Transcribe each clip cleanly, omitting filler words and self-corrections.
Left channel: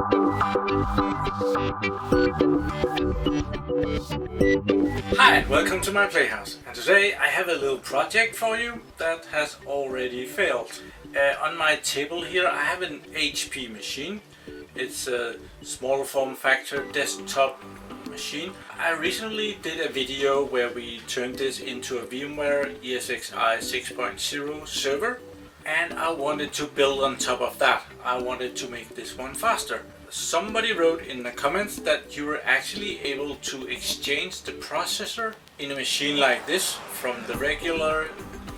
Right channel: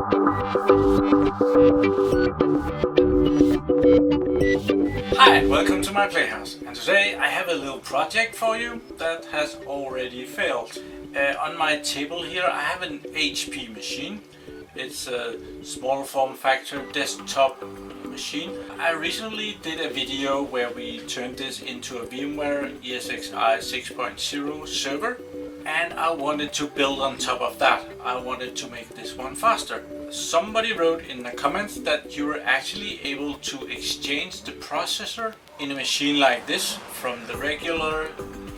Hi and welcome to my playhouse, and today I have a little project for you that has already failed. On my table here I have an HP machine. It's a small form factor desktop machine. I recently did a video where we turned this into a VMware ESXi 6.0 server, and I wanted to build on top of that. I wanted to make this one faster. Somebody wrote in the comments that you were actually able to exchange the processor in a machine like this from the regular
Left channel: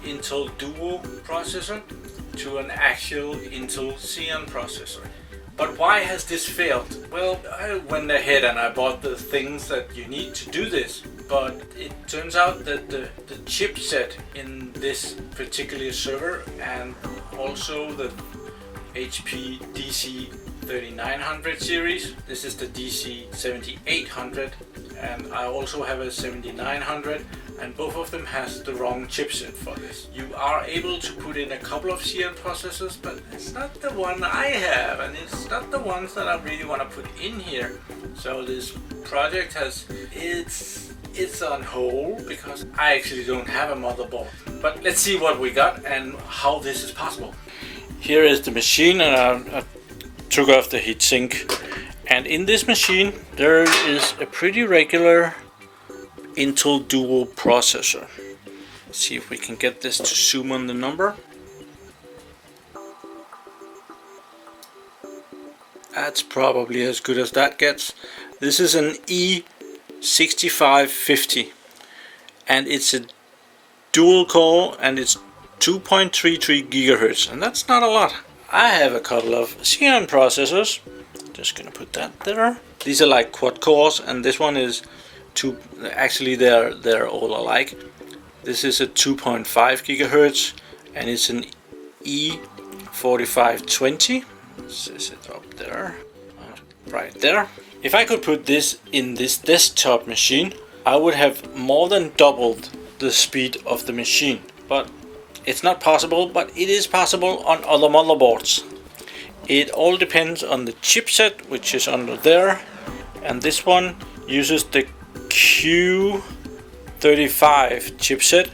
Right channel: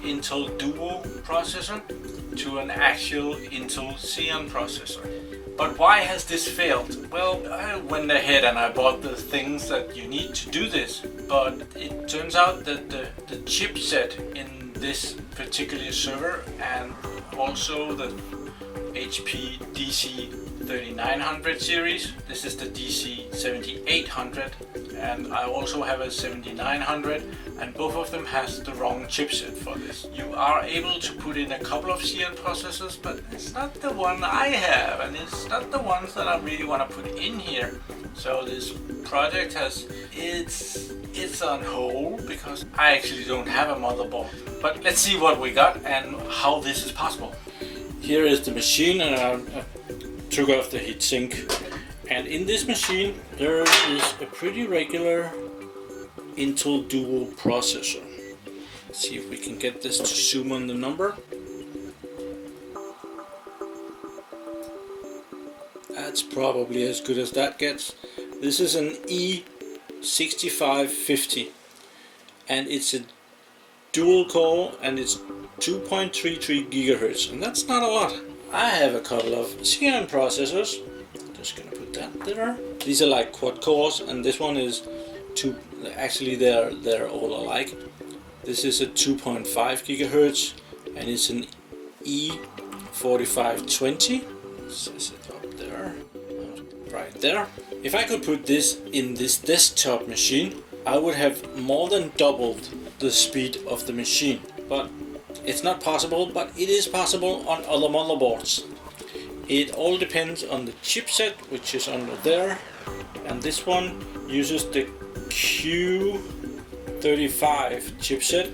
Intel Duo processor to an actual Intel Xeon processor. But why has this failed? Well, I went ahead and I bought the things that you need to do this, but it turns out that the chipset in this particular server and also the HP DC3900 series, this is the DC7800, and I also have a 7900, and both of them has the wrong chipset for this. You are able to put in a couple of Xeon processors, but it's not the one I have, and it's not the ones that I really want to put in here. So this project it's on hold because I actually don't have a motherboard. But let's see what we got and how this is possible. Here is the machine, and I took off the heatsink, and in this machine there is a pretty regular Intel Duo processor. Let's see if we can get this to zoom on the number. That's probably as good as that gets. This is an E6550, and it's a dual core, and it's 2.33 gigahertz, and that's not a lot. I have a couple of Xeon processors. Just gonna put that there. These are like quad cores, and this one is actually they're all alike. This is a 2.5 gigahertz, and it's an E4520. Says it up there, right there. If I could put this in this desktop machine, I would have more than doubled the speed of the machine. But it's not possible, but it is possible on other motherboards. It all depends on the chipset, which is under there, and this one uses the Q35 chipset,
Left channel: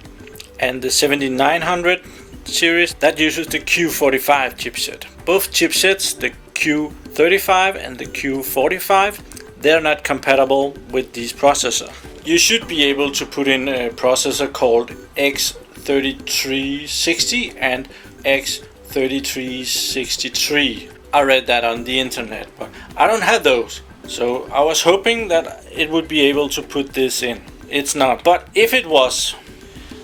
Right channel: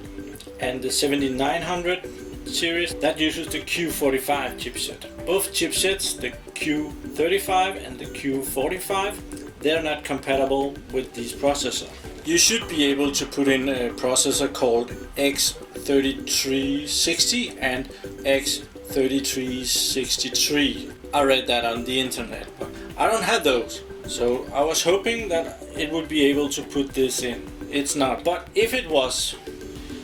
and the 7900 series that uses the Q45 chipset. Both chipsets, the Q35 and the Q45, they're not compatible with this processor. You should be able to put in a processor called X3360 and X3363. I read that on the internet, but I don't have those. So I was hoping that it would be able to put this in. It's not. But if it was,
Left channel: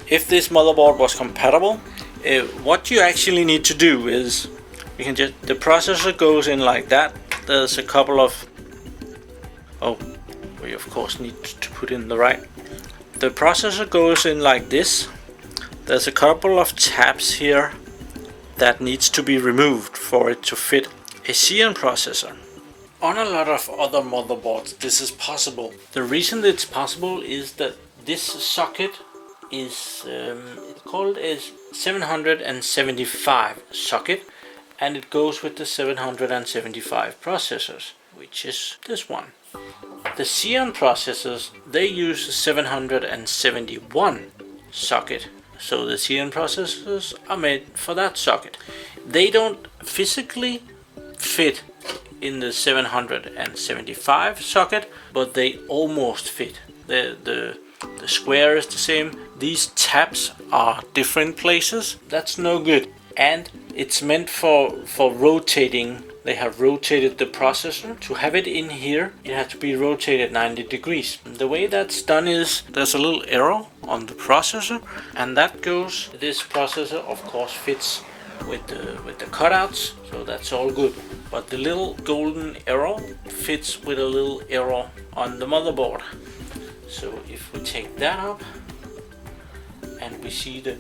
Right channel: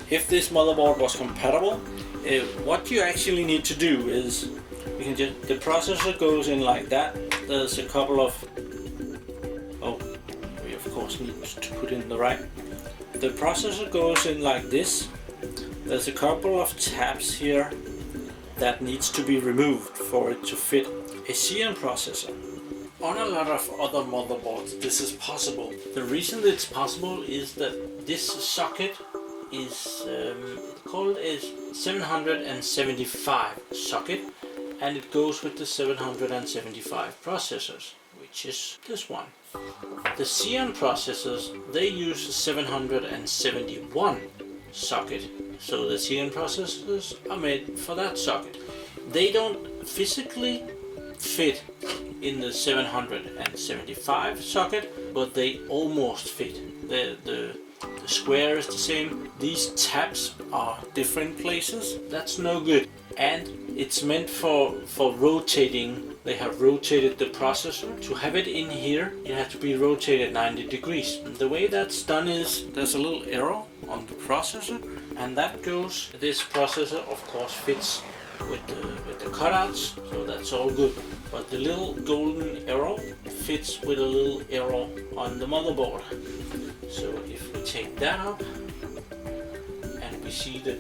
if this motherboard was compatible, what you actually need to do is you can just, the processor goes in like that. There's a couple of, we of course need to put in the right. The processor goes in like this. There's a couple of tabs here that needs to be removed for it to fit a Xeon processor. On a lot of other motherboards this is possible. The reason it's possible is that this socket is called a 775 socket, and it goes with the 775 processors, which is this one. The Xeon processors, they use a 771 socket, so the Xeon processors are made for that socket. They don't physically fit in the 775 socket, but they almost fit. The square is the same. These tabs are different places. That's no good, and it's meant for rotating. They have rotated the processor. To have it in here, it has to be rotated 90 degrees. The way that's done is there's a little arrow on the processor, and that goes. This processor of course fits with the cutouts, so that's all good. But the little golden arrow fits with a little arrow on the motherboard. So if we take that up and we see the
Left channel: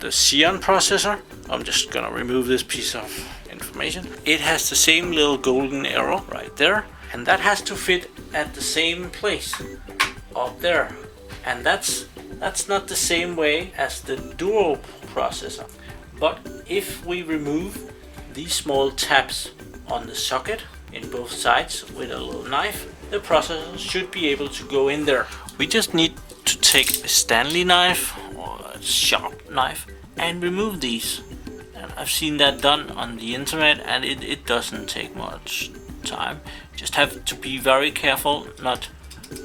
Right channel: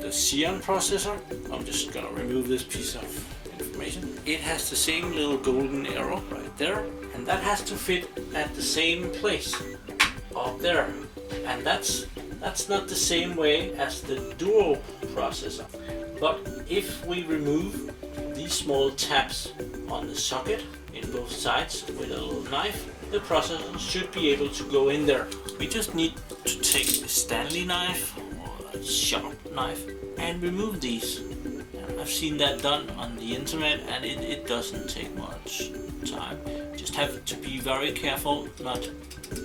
Xeon processor, I'm just gonna remove this piece of information. It has the same little golden arrow right there, and that has to fit at the same place up there, and that's not the same way as the Duo processor. But if we remove these small tabs on the socket in both sides with a little knife, the processor should be able to go in there. We just need to take a Stanley knife or a sharp knife and remove these. And I've seen that done on the internet, and it doesn't take much time. Just have to be very careful not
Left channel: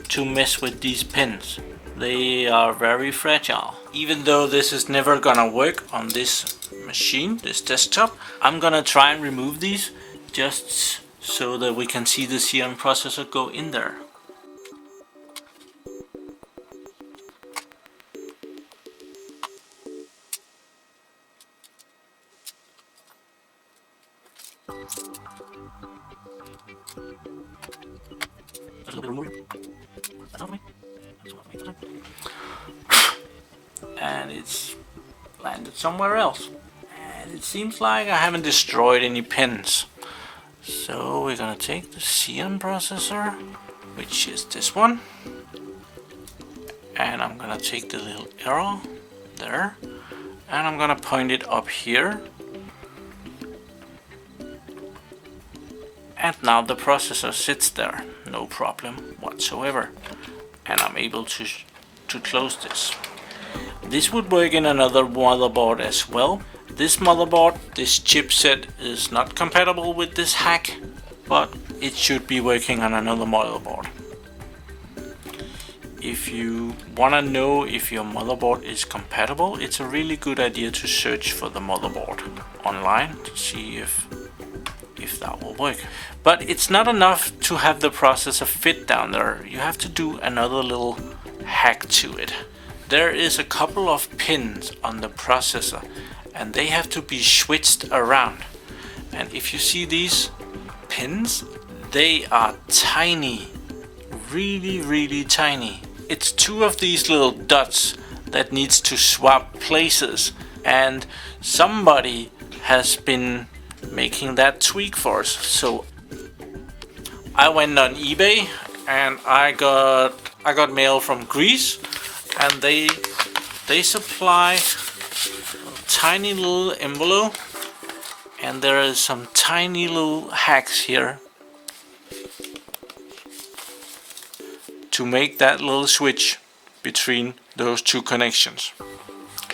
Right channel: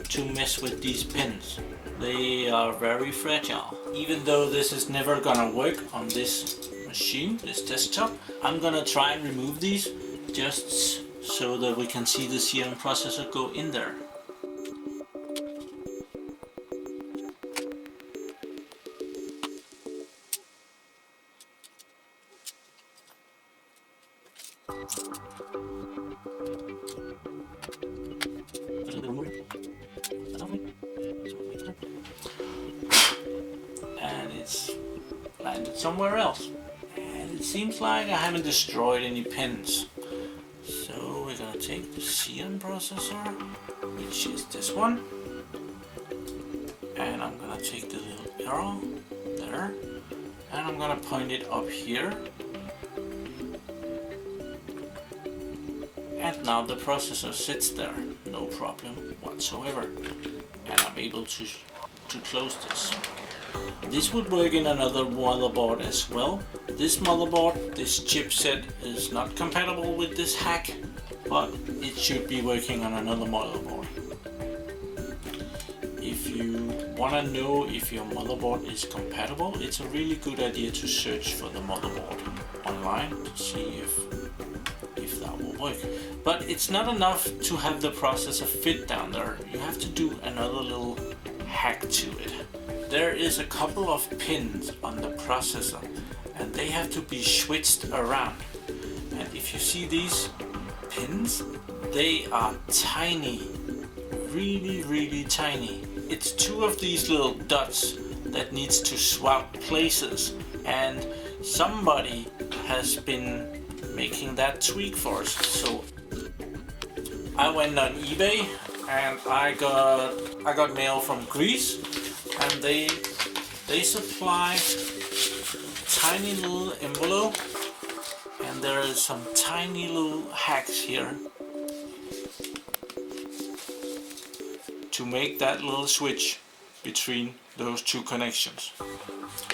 to mess with these pins. They are very fragile. Even though this is never gonna work on this machine, this desktop, I'm gonna try and remove these just so that we can see the Xeon processor go in there. And it's landed somewhere else. And it seems like I haven't destroyed any pins. So we're gonna take the Xeon processor, which is this one. And I'm gonna take the little arrow there. And I'm gonna point it up here. And now the processor sits there, no problem whatsoever. And I'm able to close this. This would work in another motherboard as well. This motherboard, this chipset, is not compatible with this hack, but it should be working on another motherboard. If you want to know if your motherboard is compatible, it's a really good idea to search for the motherboard online to see if that will work. But it's not enough to have the processor fit down there. You have to do another little hack to it. There is a couple of pins on the processor, and they have to be switched around. And if you see these pins, they are tiny, really tiny. It's two of these little dots that needs to swap places, and somebody has been making that tweak for us. So I went on eBay and I got mail from Greece, and they supply a tiny little envelope, and there is some tiny little hacks here to make that little switch between those two connections.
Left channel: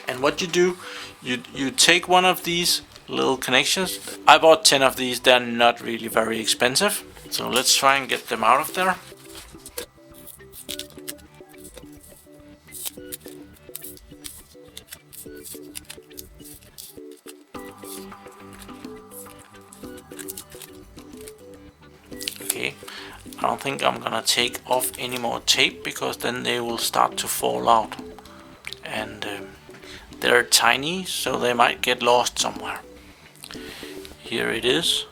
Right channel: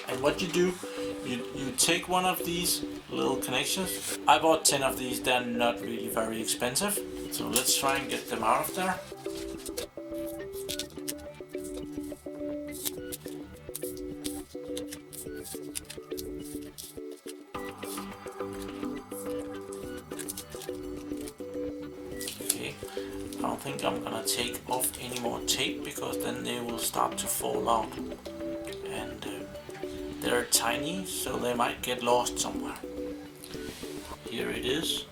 And what you do, you take one of these little connections. I bought 10 of these, they're not really very expensive. So let's try and get them out of there. Okay, I don't think I'm gonna take off any more tape, because then they will start to fall out. And they're tiny, so they might get lost somewhere. Here it is.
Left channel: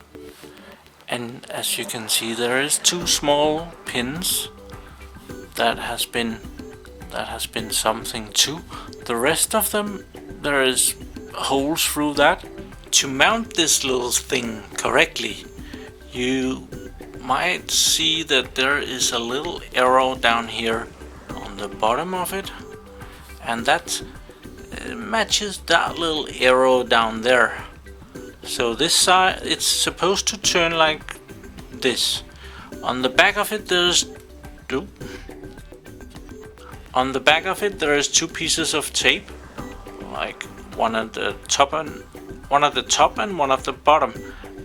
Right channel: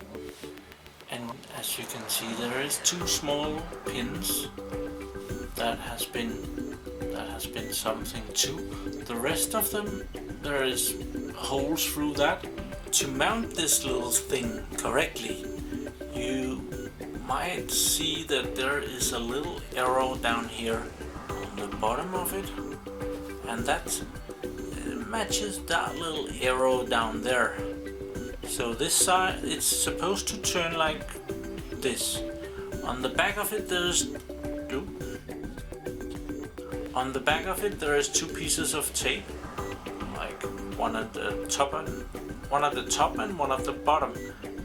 And as you can see, there is two small pins that has been something too. The rest of them, there is holes through that. To mount this little thing correctly, you might see that there is a little arrow down here on the bottom of it, and that matches that little arrow down there. So this side, it's supposed to turn like this. On the back of it, there is two pieces of tape, like one at the top and one at the bottom,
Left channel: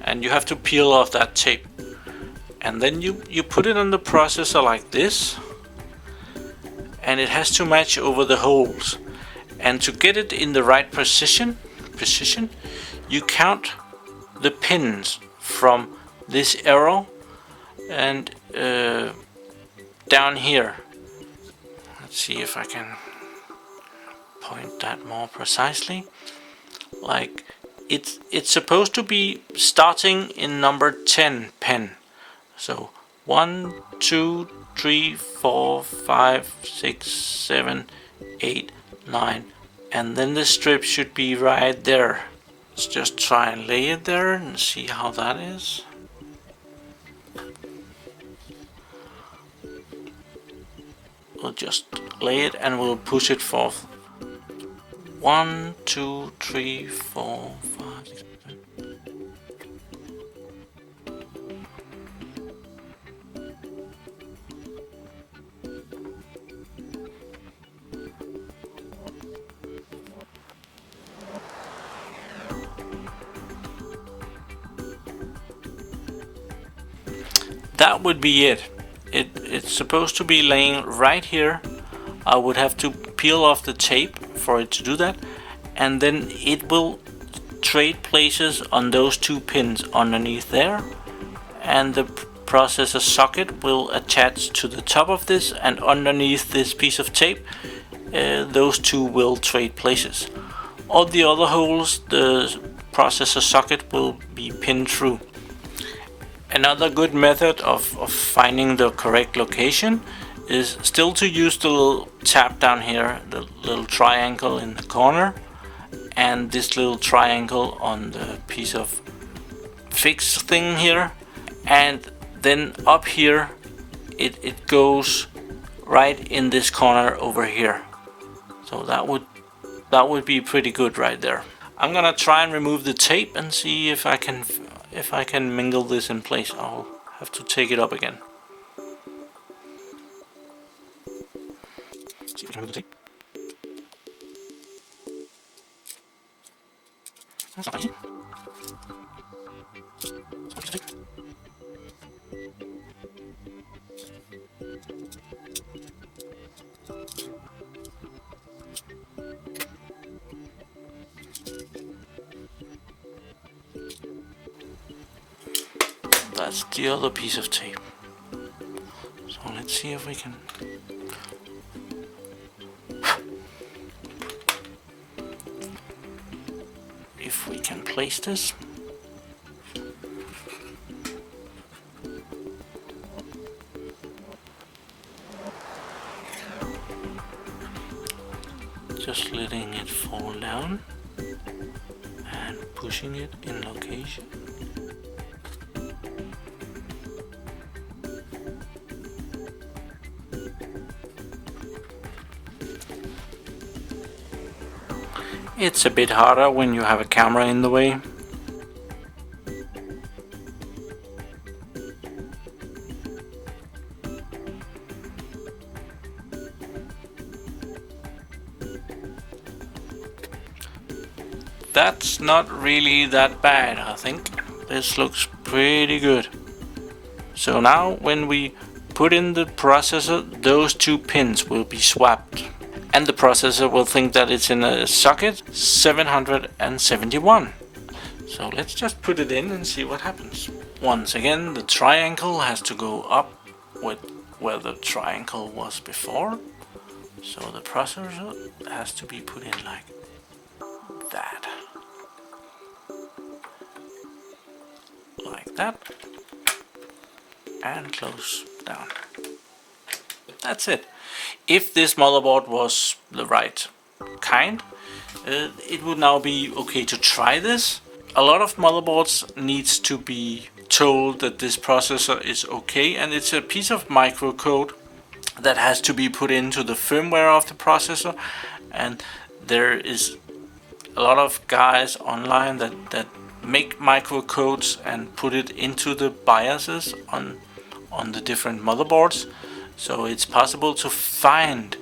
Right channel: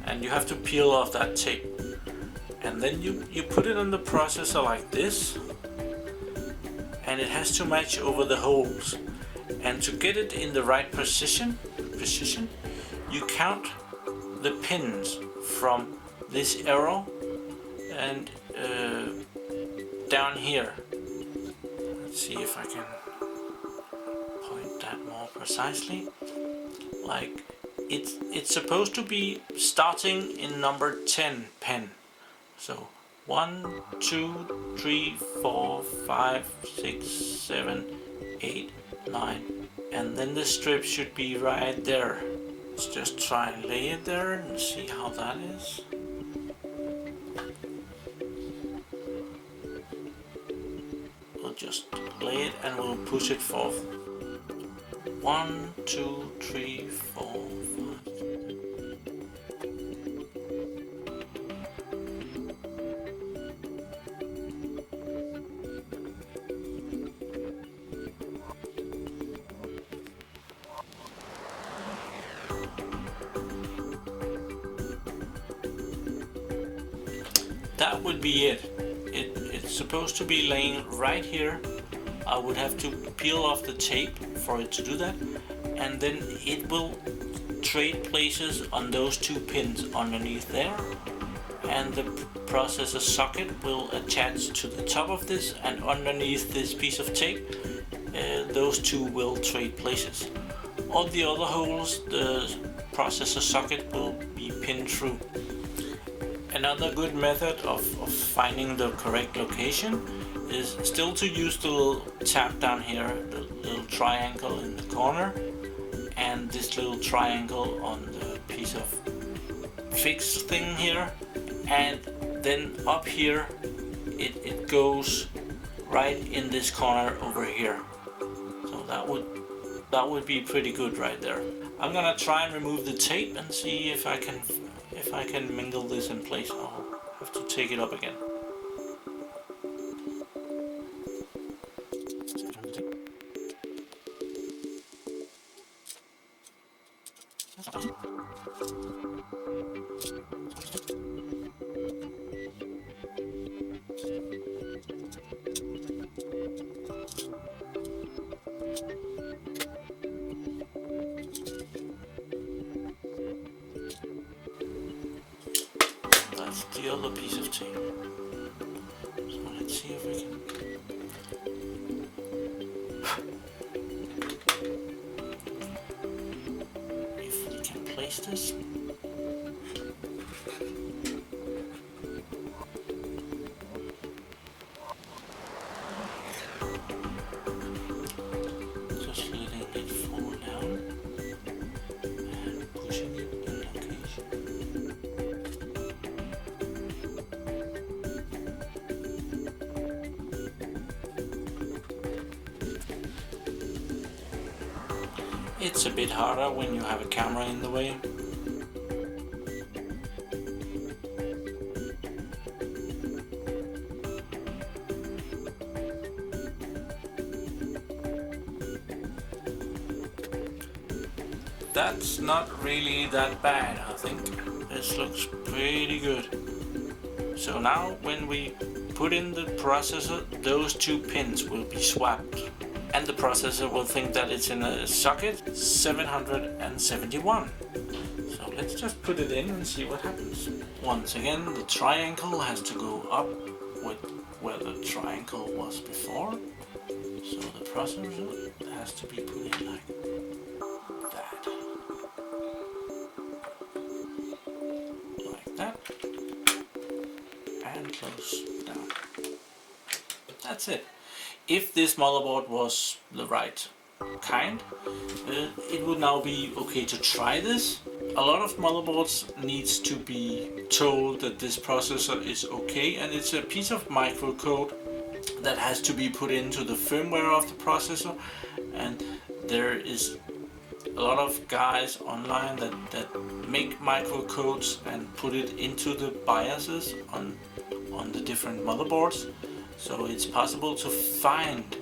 and you have to peel off that tape. And then you put it on the processor like this, and it has to match over the holes. And to get it in the right precision, you count the pins from this arrow and down here. Let's see if I can point that more precisely. Like it's supposed to be starting in number 10 pin. So 1, 2, 3, 4, 5, 6, 7, 8, 9, and then the strip should be right there. Let's just try and lay it there and see how that is. We'll just lay it and we'll push it forth. 1, 2, 3, 4, 5, 6, 7. that would be it. It's supposed to be laying right here. I would have to peel off the tape for it to do that, and then it will trade places on those 2 pins underneath there, and the processor socket will attach to the top of this, and underneath this piece of tape those 2 will trade places. All the other holes the processor socket will be pinned through. Another good method of finding the correct location is still to use the little tab down here, the little triangle in the corner, and this little triangle on the piece of fixed thing here, and then up here it goes right in this corner over here. So that would be pretty good right there. I'm gonna try and remove the tape and see if I can mingle this in place. I'll have to take it up again. See if we can remove the tape. That's not easy. That's the other piece of tape. So let's see if we can. If we can place this. Just letting it fall down and pushing it in location. It's a bit harder when you have a camera in the way. That's not really that bad, I think. This looks pretty good. So now when we put in the processor, those 2 pins will be swapped. And the processor will think that it's in a socket 771. So let's just put it in and see what happens. Once again, the triangle has to go up with where the triangle was before. So the processor has to be put in like that. Like that. And close down. That's it. If this motherboard was the right kind, it would now be okay to try this. A lot of motherboards needs to be told that this processor is okay, and it's a piece of microcode that has to be put into the firmware of the processor, and there is a lot of guys online that make microcodes and put it into the BIOSes on the different motherboards. So it's possible to find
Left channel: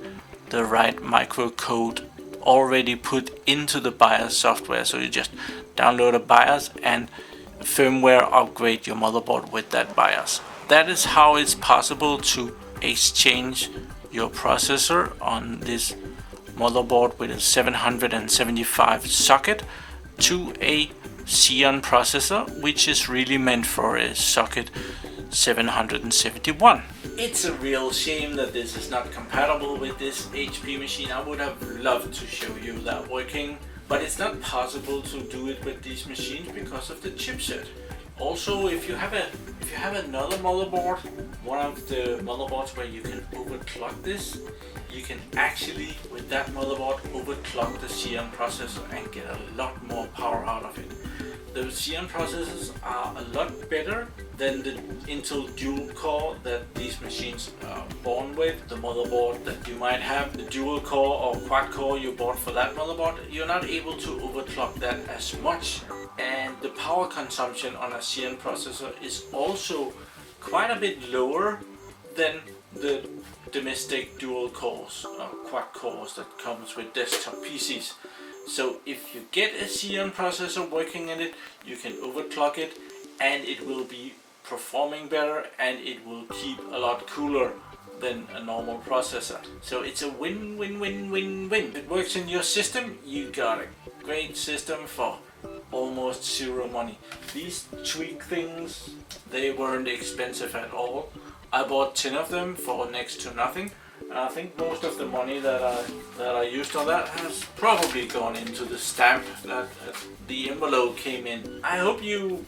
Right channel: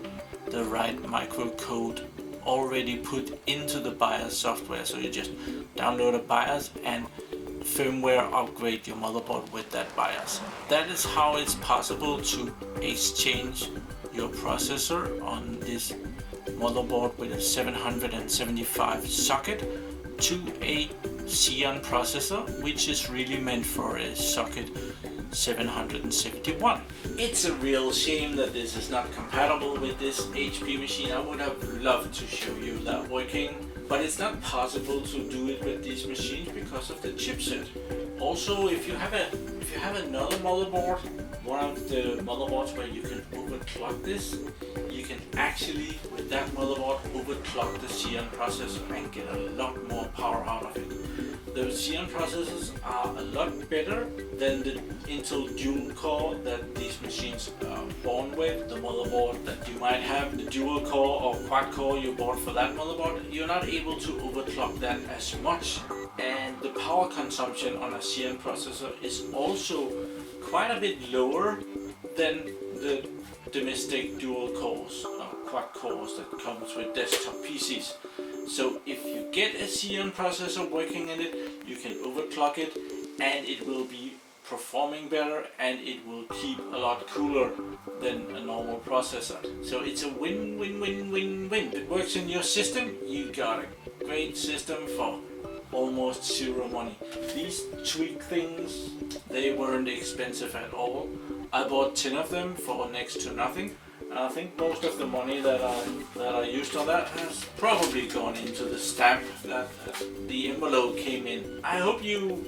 the right microcode already put into the BIOS software. So you just download a BIOS and firmware upgrade your motherboard with that BIOS. That is how it's possible to exchange your processor on this motherboard with a 775 socket to a Xeon processor, which is really meant for a socket 771. It's a real shame that this is not compatible with this HP machine. I would have loved to show you that working, but it's not possible to do it with these machines because of the chipset. Also, if you have another motherboard, one of the motherboards where you can overclock this, you can actually with that motherboard overclock the Xeon processor and get a lot more power out of it. The Xeon processors are a lot better than the Intel dual core that these machines are born with. The motherboard that you might have, the dual core or quad core you bought for that motherboard, you're not able to overclock that as much. And the power consumption on a Xeon processor is also quite a bit lower than the domestic dual cores or quad cores that comes with desktop PCs. So if you get a Xeon processor working in it, you can overclock it and it will be performing better, and it will keep a lot cooler than a normal processor. So it's a win-win-win-win-win. It works in your system, you got a great system for almost zero money. These tweak things, they weren't expensive at all. I bought 10 of them for next to nothing. And I think most of the money that I used on that has probably gone into the stamp that the envelope came in. I hope you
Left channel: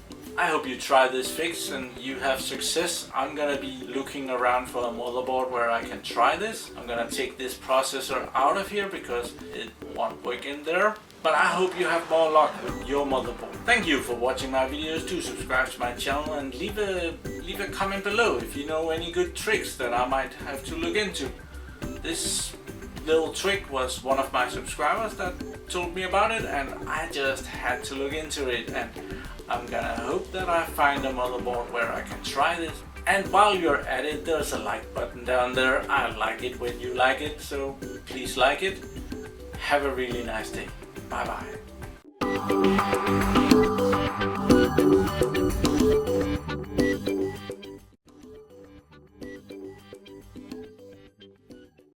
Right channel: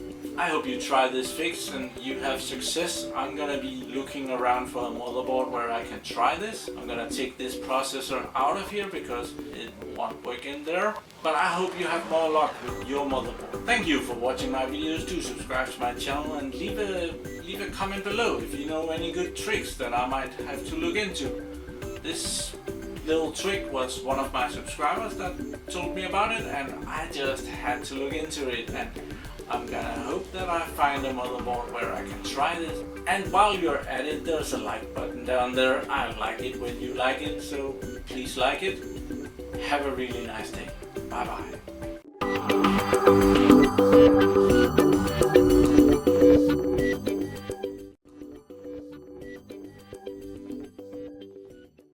try this fix and you have success. I'm gonna be looking around for a motherboard where I can try this. I'm gonna take this processor out of here because it won't work in there. But I hope you have more luck with your motherboard. Thank you for watching my videos. Do subscribe to my channel and leave a comment below if you know any good tricks that I might have to look into. This little trick was one of my subscribers that told me about it, and I just had to look into it, and I'm gonna hope that I find a motherboard where I can try this. And while you're at it, there's a like button down there. I like it when you like it, so please like it. Have a really nice day. Bye bye.